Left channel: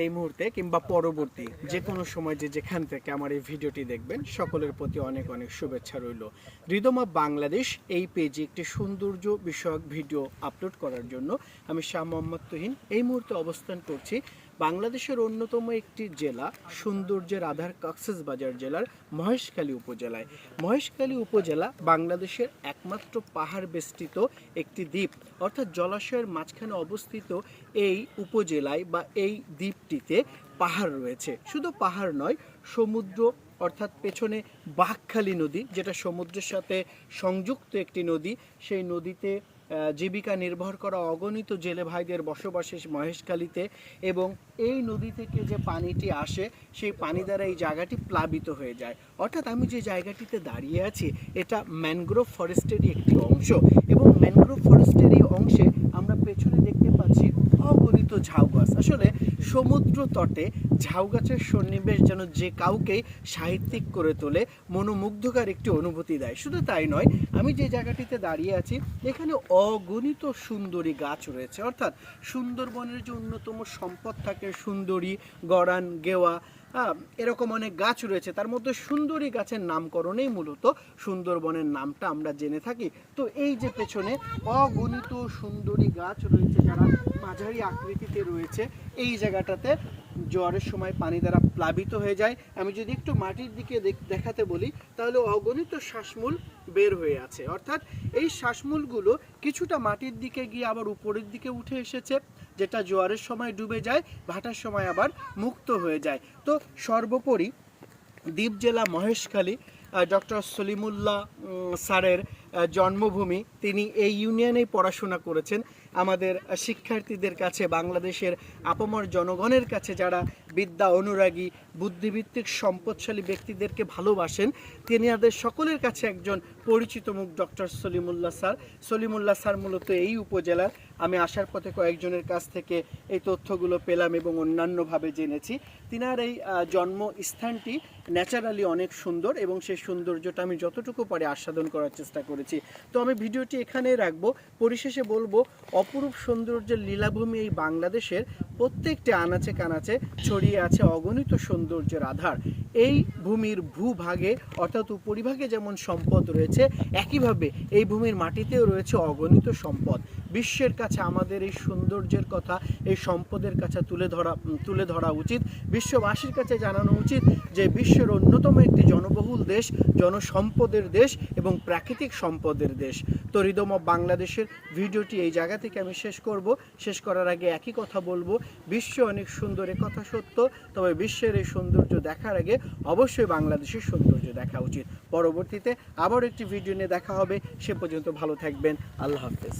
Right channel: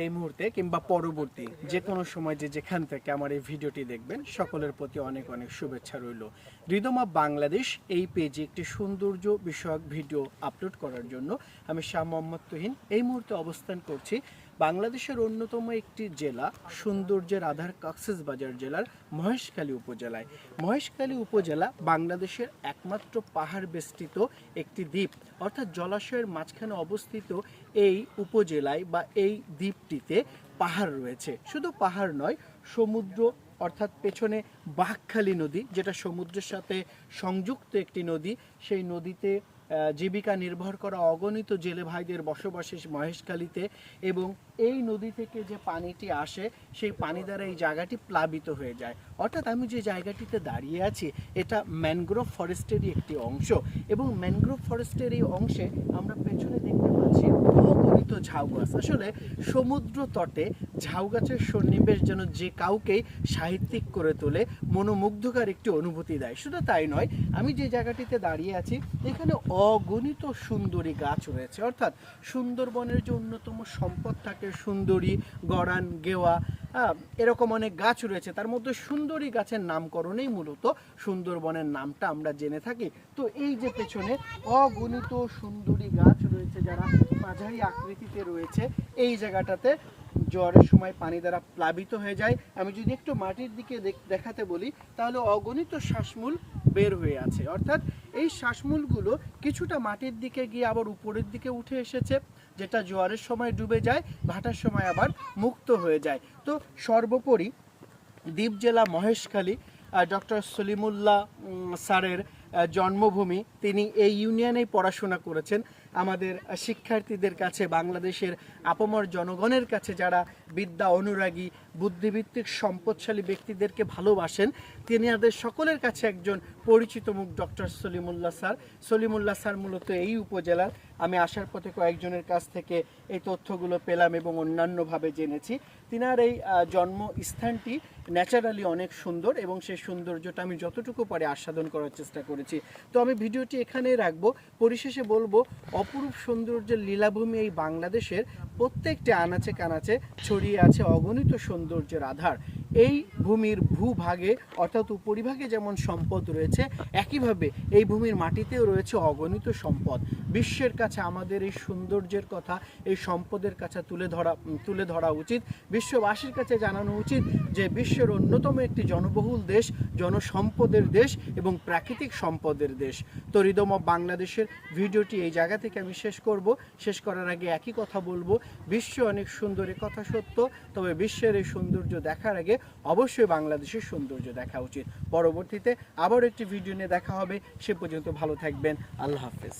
এই মুহূর্তে কিংবা পরবর্তী যে কোনো সময় যেখান থেকে আমার এই ভিডিওটি দেখবেন সকলের প্রতি অনেক অনেক শুভেচ্ছা রইল। রিদম অফ বাংলাদেশ এই পেজে একটি সৌন্দর্য বিষয়ক ভিডিও আপলোড করার জন্য আমি শাহ মোহাম্মদ তুহিন এই মুহূর্তে অবস্থান করছি বাংলাদেশের অন্যতম একটি জেলা সৌন্দর্যের আধার কক্সবাজার জেলার মহেশখালী উপজেলায়। মহেশখালী উপজেলা বাংলাদেশের একমাত্র পাহাড় বেষ্টিত একটি দ্বীপ, অর্থাৎ জলাশয়ের মাঝখানে অবস্থিত এই উপজেলায় বা এই দ্বীপটিতে পাহাড় রয়েছে। শুধু পাহাড় নয়, সমুদ্র, অর্থাৎ পেছনে বাঁকখালী নদী যেটা সমুদ্রের সাথে সংযুক্ত একটি নদী, সেই নদীতে জীবিকা নির্ভর করা অগণিত জেলে ভাইদের বসবাসে মহেশখালীতে, এবং এই নদী থেকে যে পানিটি আসে সেই পানি দ্বারা এই জায়গাটি প্লাবিত হয়ে যায়। অর্থাৎ আমি যে জায়গাটিতে দাঁড়িয়ে আছি এটা ম্যানগ্রোভ ফরেস্টেরই একটি অংশ, এবং ম্যানগ্রোভ ফরেস্টের এই অংশে আমরা পেছনে দেখতে পাচ্ছি অগণিত ঝাউ গাছ। আসলে সমুদ্র তটে ঝাউ গাছের সন্নিবেশ যেন যে কাউকেই সাহিত্যিক করে তোলে, মনোমুগ্ধকর একটি অনুভূতি দেয়। শুধু তাই নয়, আমি যে জায়গাটিতে দাঁড়িয়ে আছি এখানে অগণিত সুন্দরী গাছ রয়েছে। অর্থাৎ সুন্দরবনের যে অন্যতম সম্পদ থাকে সুন্দরী, গরান, গেওয়া, এরকম অনেক গাছ রয়েছে, তার মধ্যে সুন্দরী গাছের নামকরণেই মূলত সুন্দরবনের নামটা আমরা জেনে থাকি। তো এই যে পেছনে অগণিত সুন্দরী গাছ রয়েছে যারা মাঝারি আকৃতিতে রয়েছে, এই জায়গাটাতে জোয়ারের সময় পানি দ্বারা প্লাবিত হয়ে যায়। আমি যদি একটু মাটির দিকে দেখাতে বলি তাহলে অগণিত শ্বাসমূল বের হয়ে আছে। অর্থাৎ এই শ্বাসমূলগুলো কিছুটা মাটির দিকে গিয়ে আবার উপরের দিকে উঠে এসেছে, যেটা জোয়ারের সময় ডুবে যায়, ভাটার সময় আবার মুক্ত হয়ে যায়। তো সর্বোপরি দ্বীপ জেলা মহেশখালী ডক্টর সলিমুল্লাহ স্যারের জন্মভূমি। তিনি এই ইউনিয়নেই পড়াশোনা করেছেন। আমাদের শিক্ষার্থীদের কাছে, বাংলাদেশের আপামর জনগণের কাছে যারা বিদ্যা অনুরাগী, বুদ্ধিভিত্তিক সম্পদশালী ব্যক্তিদেরকে ভালোবাসেন, তিনাদের সকলের কাছে একজন পরিচিত মুখ doctor Salimullah sir. Salimullah sir মূলত এই উপজেলার। আমি আসার পথে কয়েকজনের কাছ থেকে এই তথ্যগুলো পেলাম এবং অন্যান্যভাবে জেনেছি। তিনার এই জন্মস্থানটি ন্যাচারালি অনেক সুন্দর, এবং সেই সৌন্দর্যটা আমি যতটুকু পারি আস্বাদন করার চেষ্টা করেছি। তো আমি ভিডিওটি এখানেই রাখবো। পরিশেষে বলবো, অপরূপ সৌন্দর্যের লীলাভূমি এই বাংলাদেশের প্রত্যেকটি আনাচে কানাচে ছড়িয়ে আছে অগণিত সৌন্দর্যের আধার। এই ভূমির ভূভাগে অর্থাৎ উপরিভাগে যেমন সম্পদ রয়েছে, একইভাবে এই ভূমির মাটিতেও রয়েছে অগণিত সম্পদ। বিশ্বের কাছে আমাদের এই সৌন্দর্যের কথা, এই সম্পদের কাছে তুলে ধরা উচিত। বিশ্ববাসীর কাছে জানানো উচিত যে বিশ্বের অন্যতম একটি জনবহুল দেশ, জনসম্পদের দেশ এবং প্রাকৃতিক সম্পদের দেশ। তো রিদম অফ বাংলাদেশের ভিডিওটি এই জায়গা থেকে আমি শেষ করব। শেষ করার আগে একই কথা বলবো, বিশ্ব অনেক সুন্দর, এ কথা সত্য, তবে বিশ্বের এই সৌন্দর্য দেখার আগে অবশ্যই বাংলাদেশের সৌন্দর্য দেখা উচিত। পরবর্তীতে আবার একটি ভিডিও নিয়ে দেখা হবে। সে পর্যন্ত ভালো থাকবেন। আল্লাহ হাফেজ।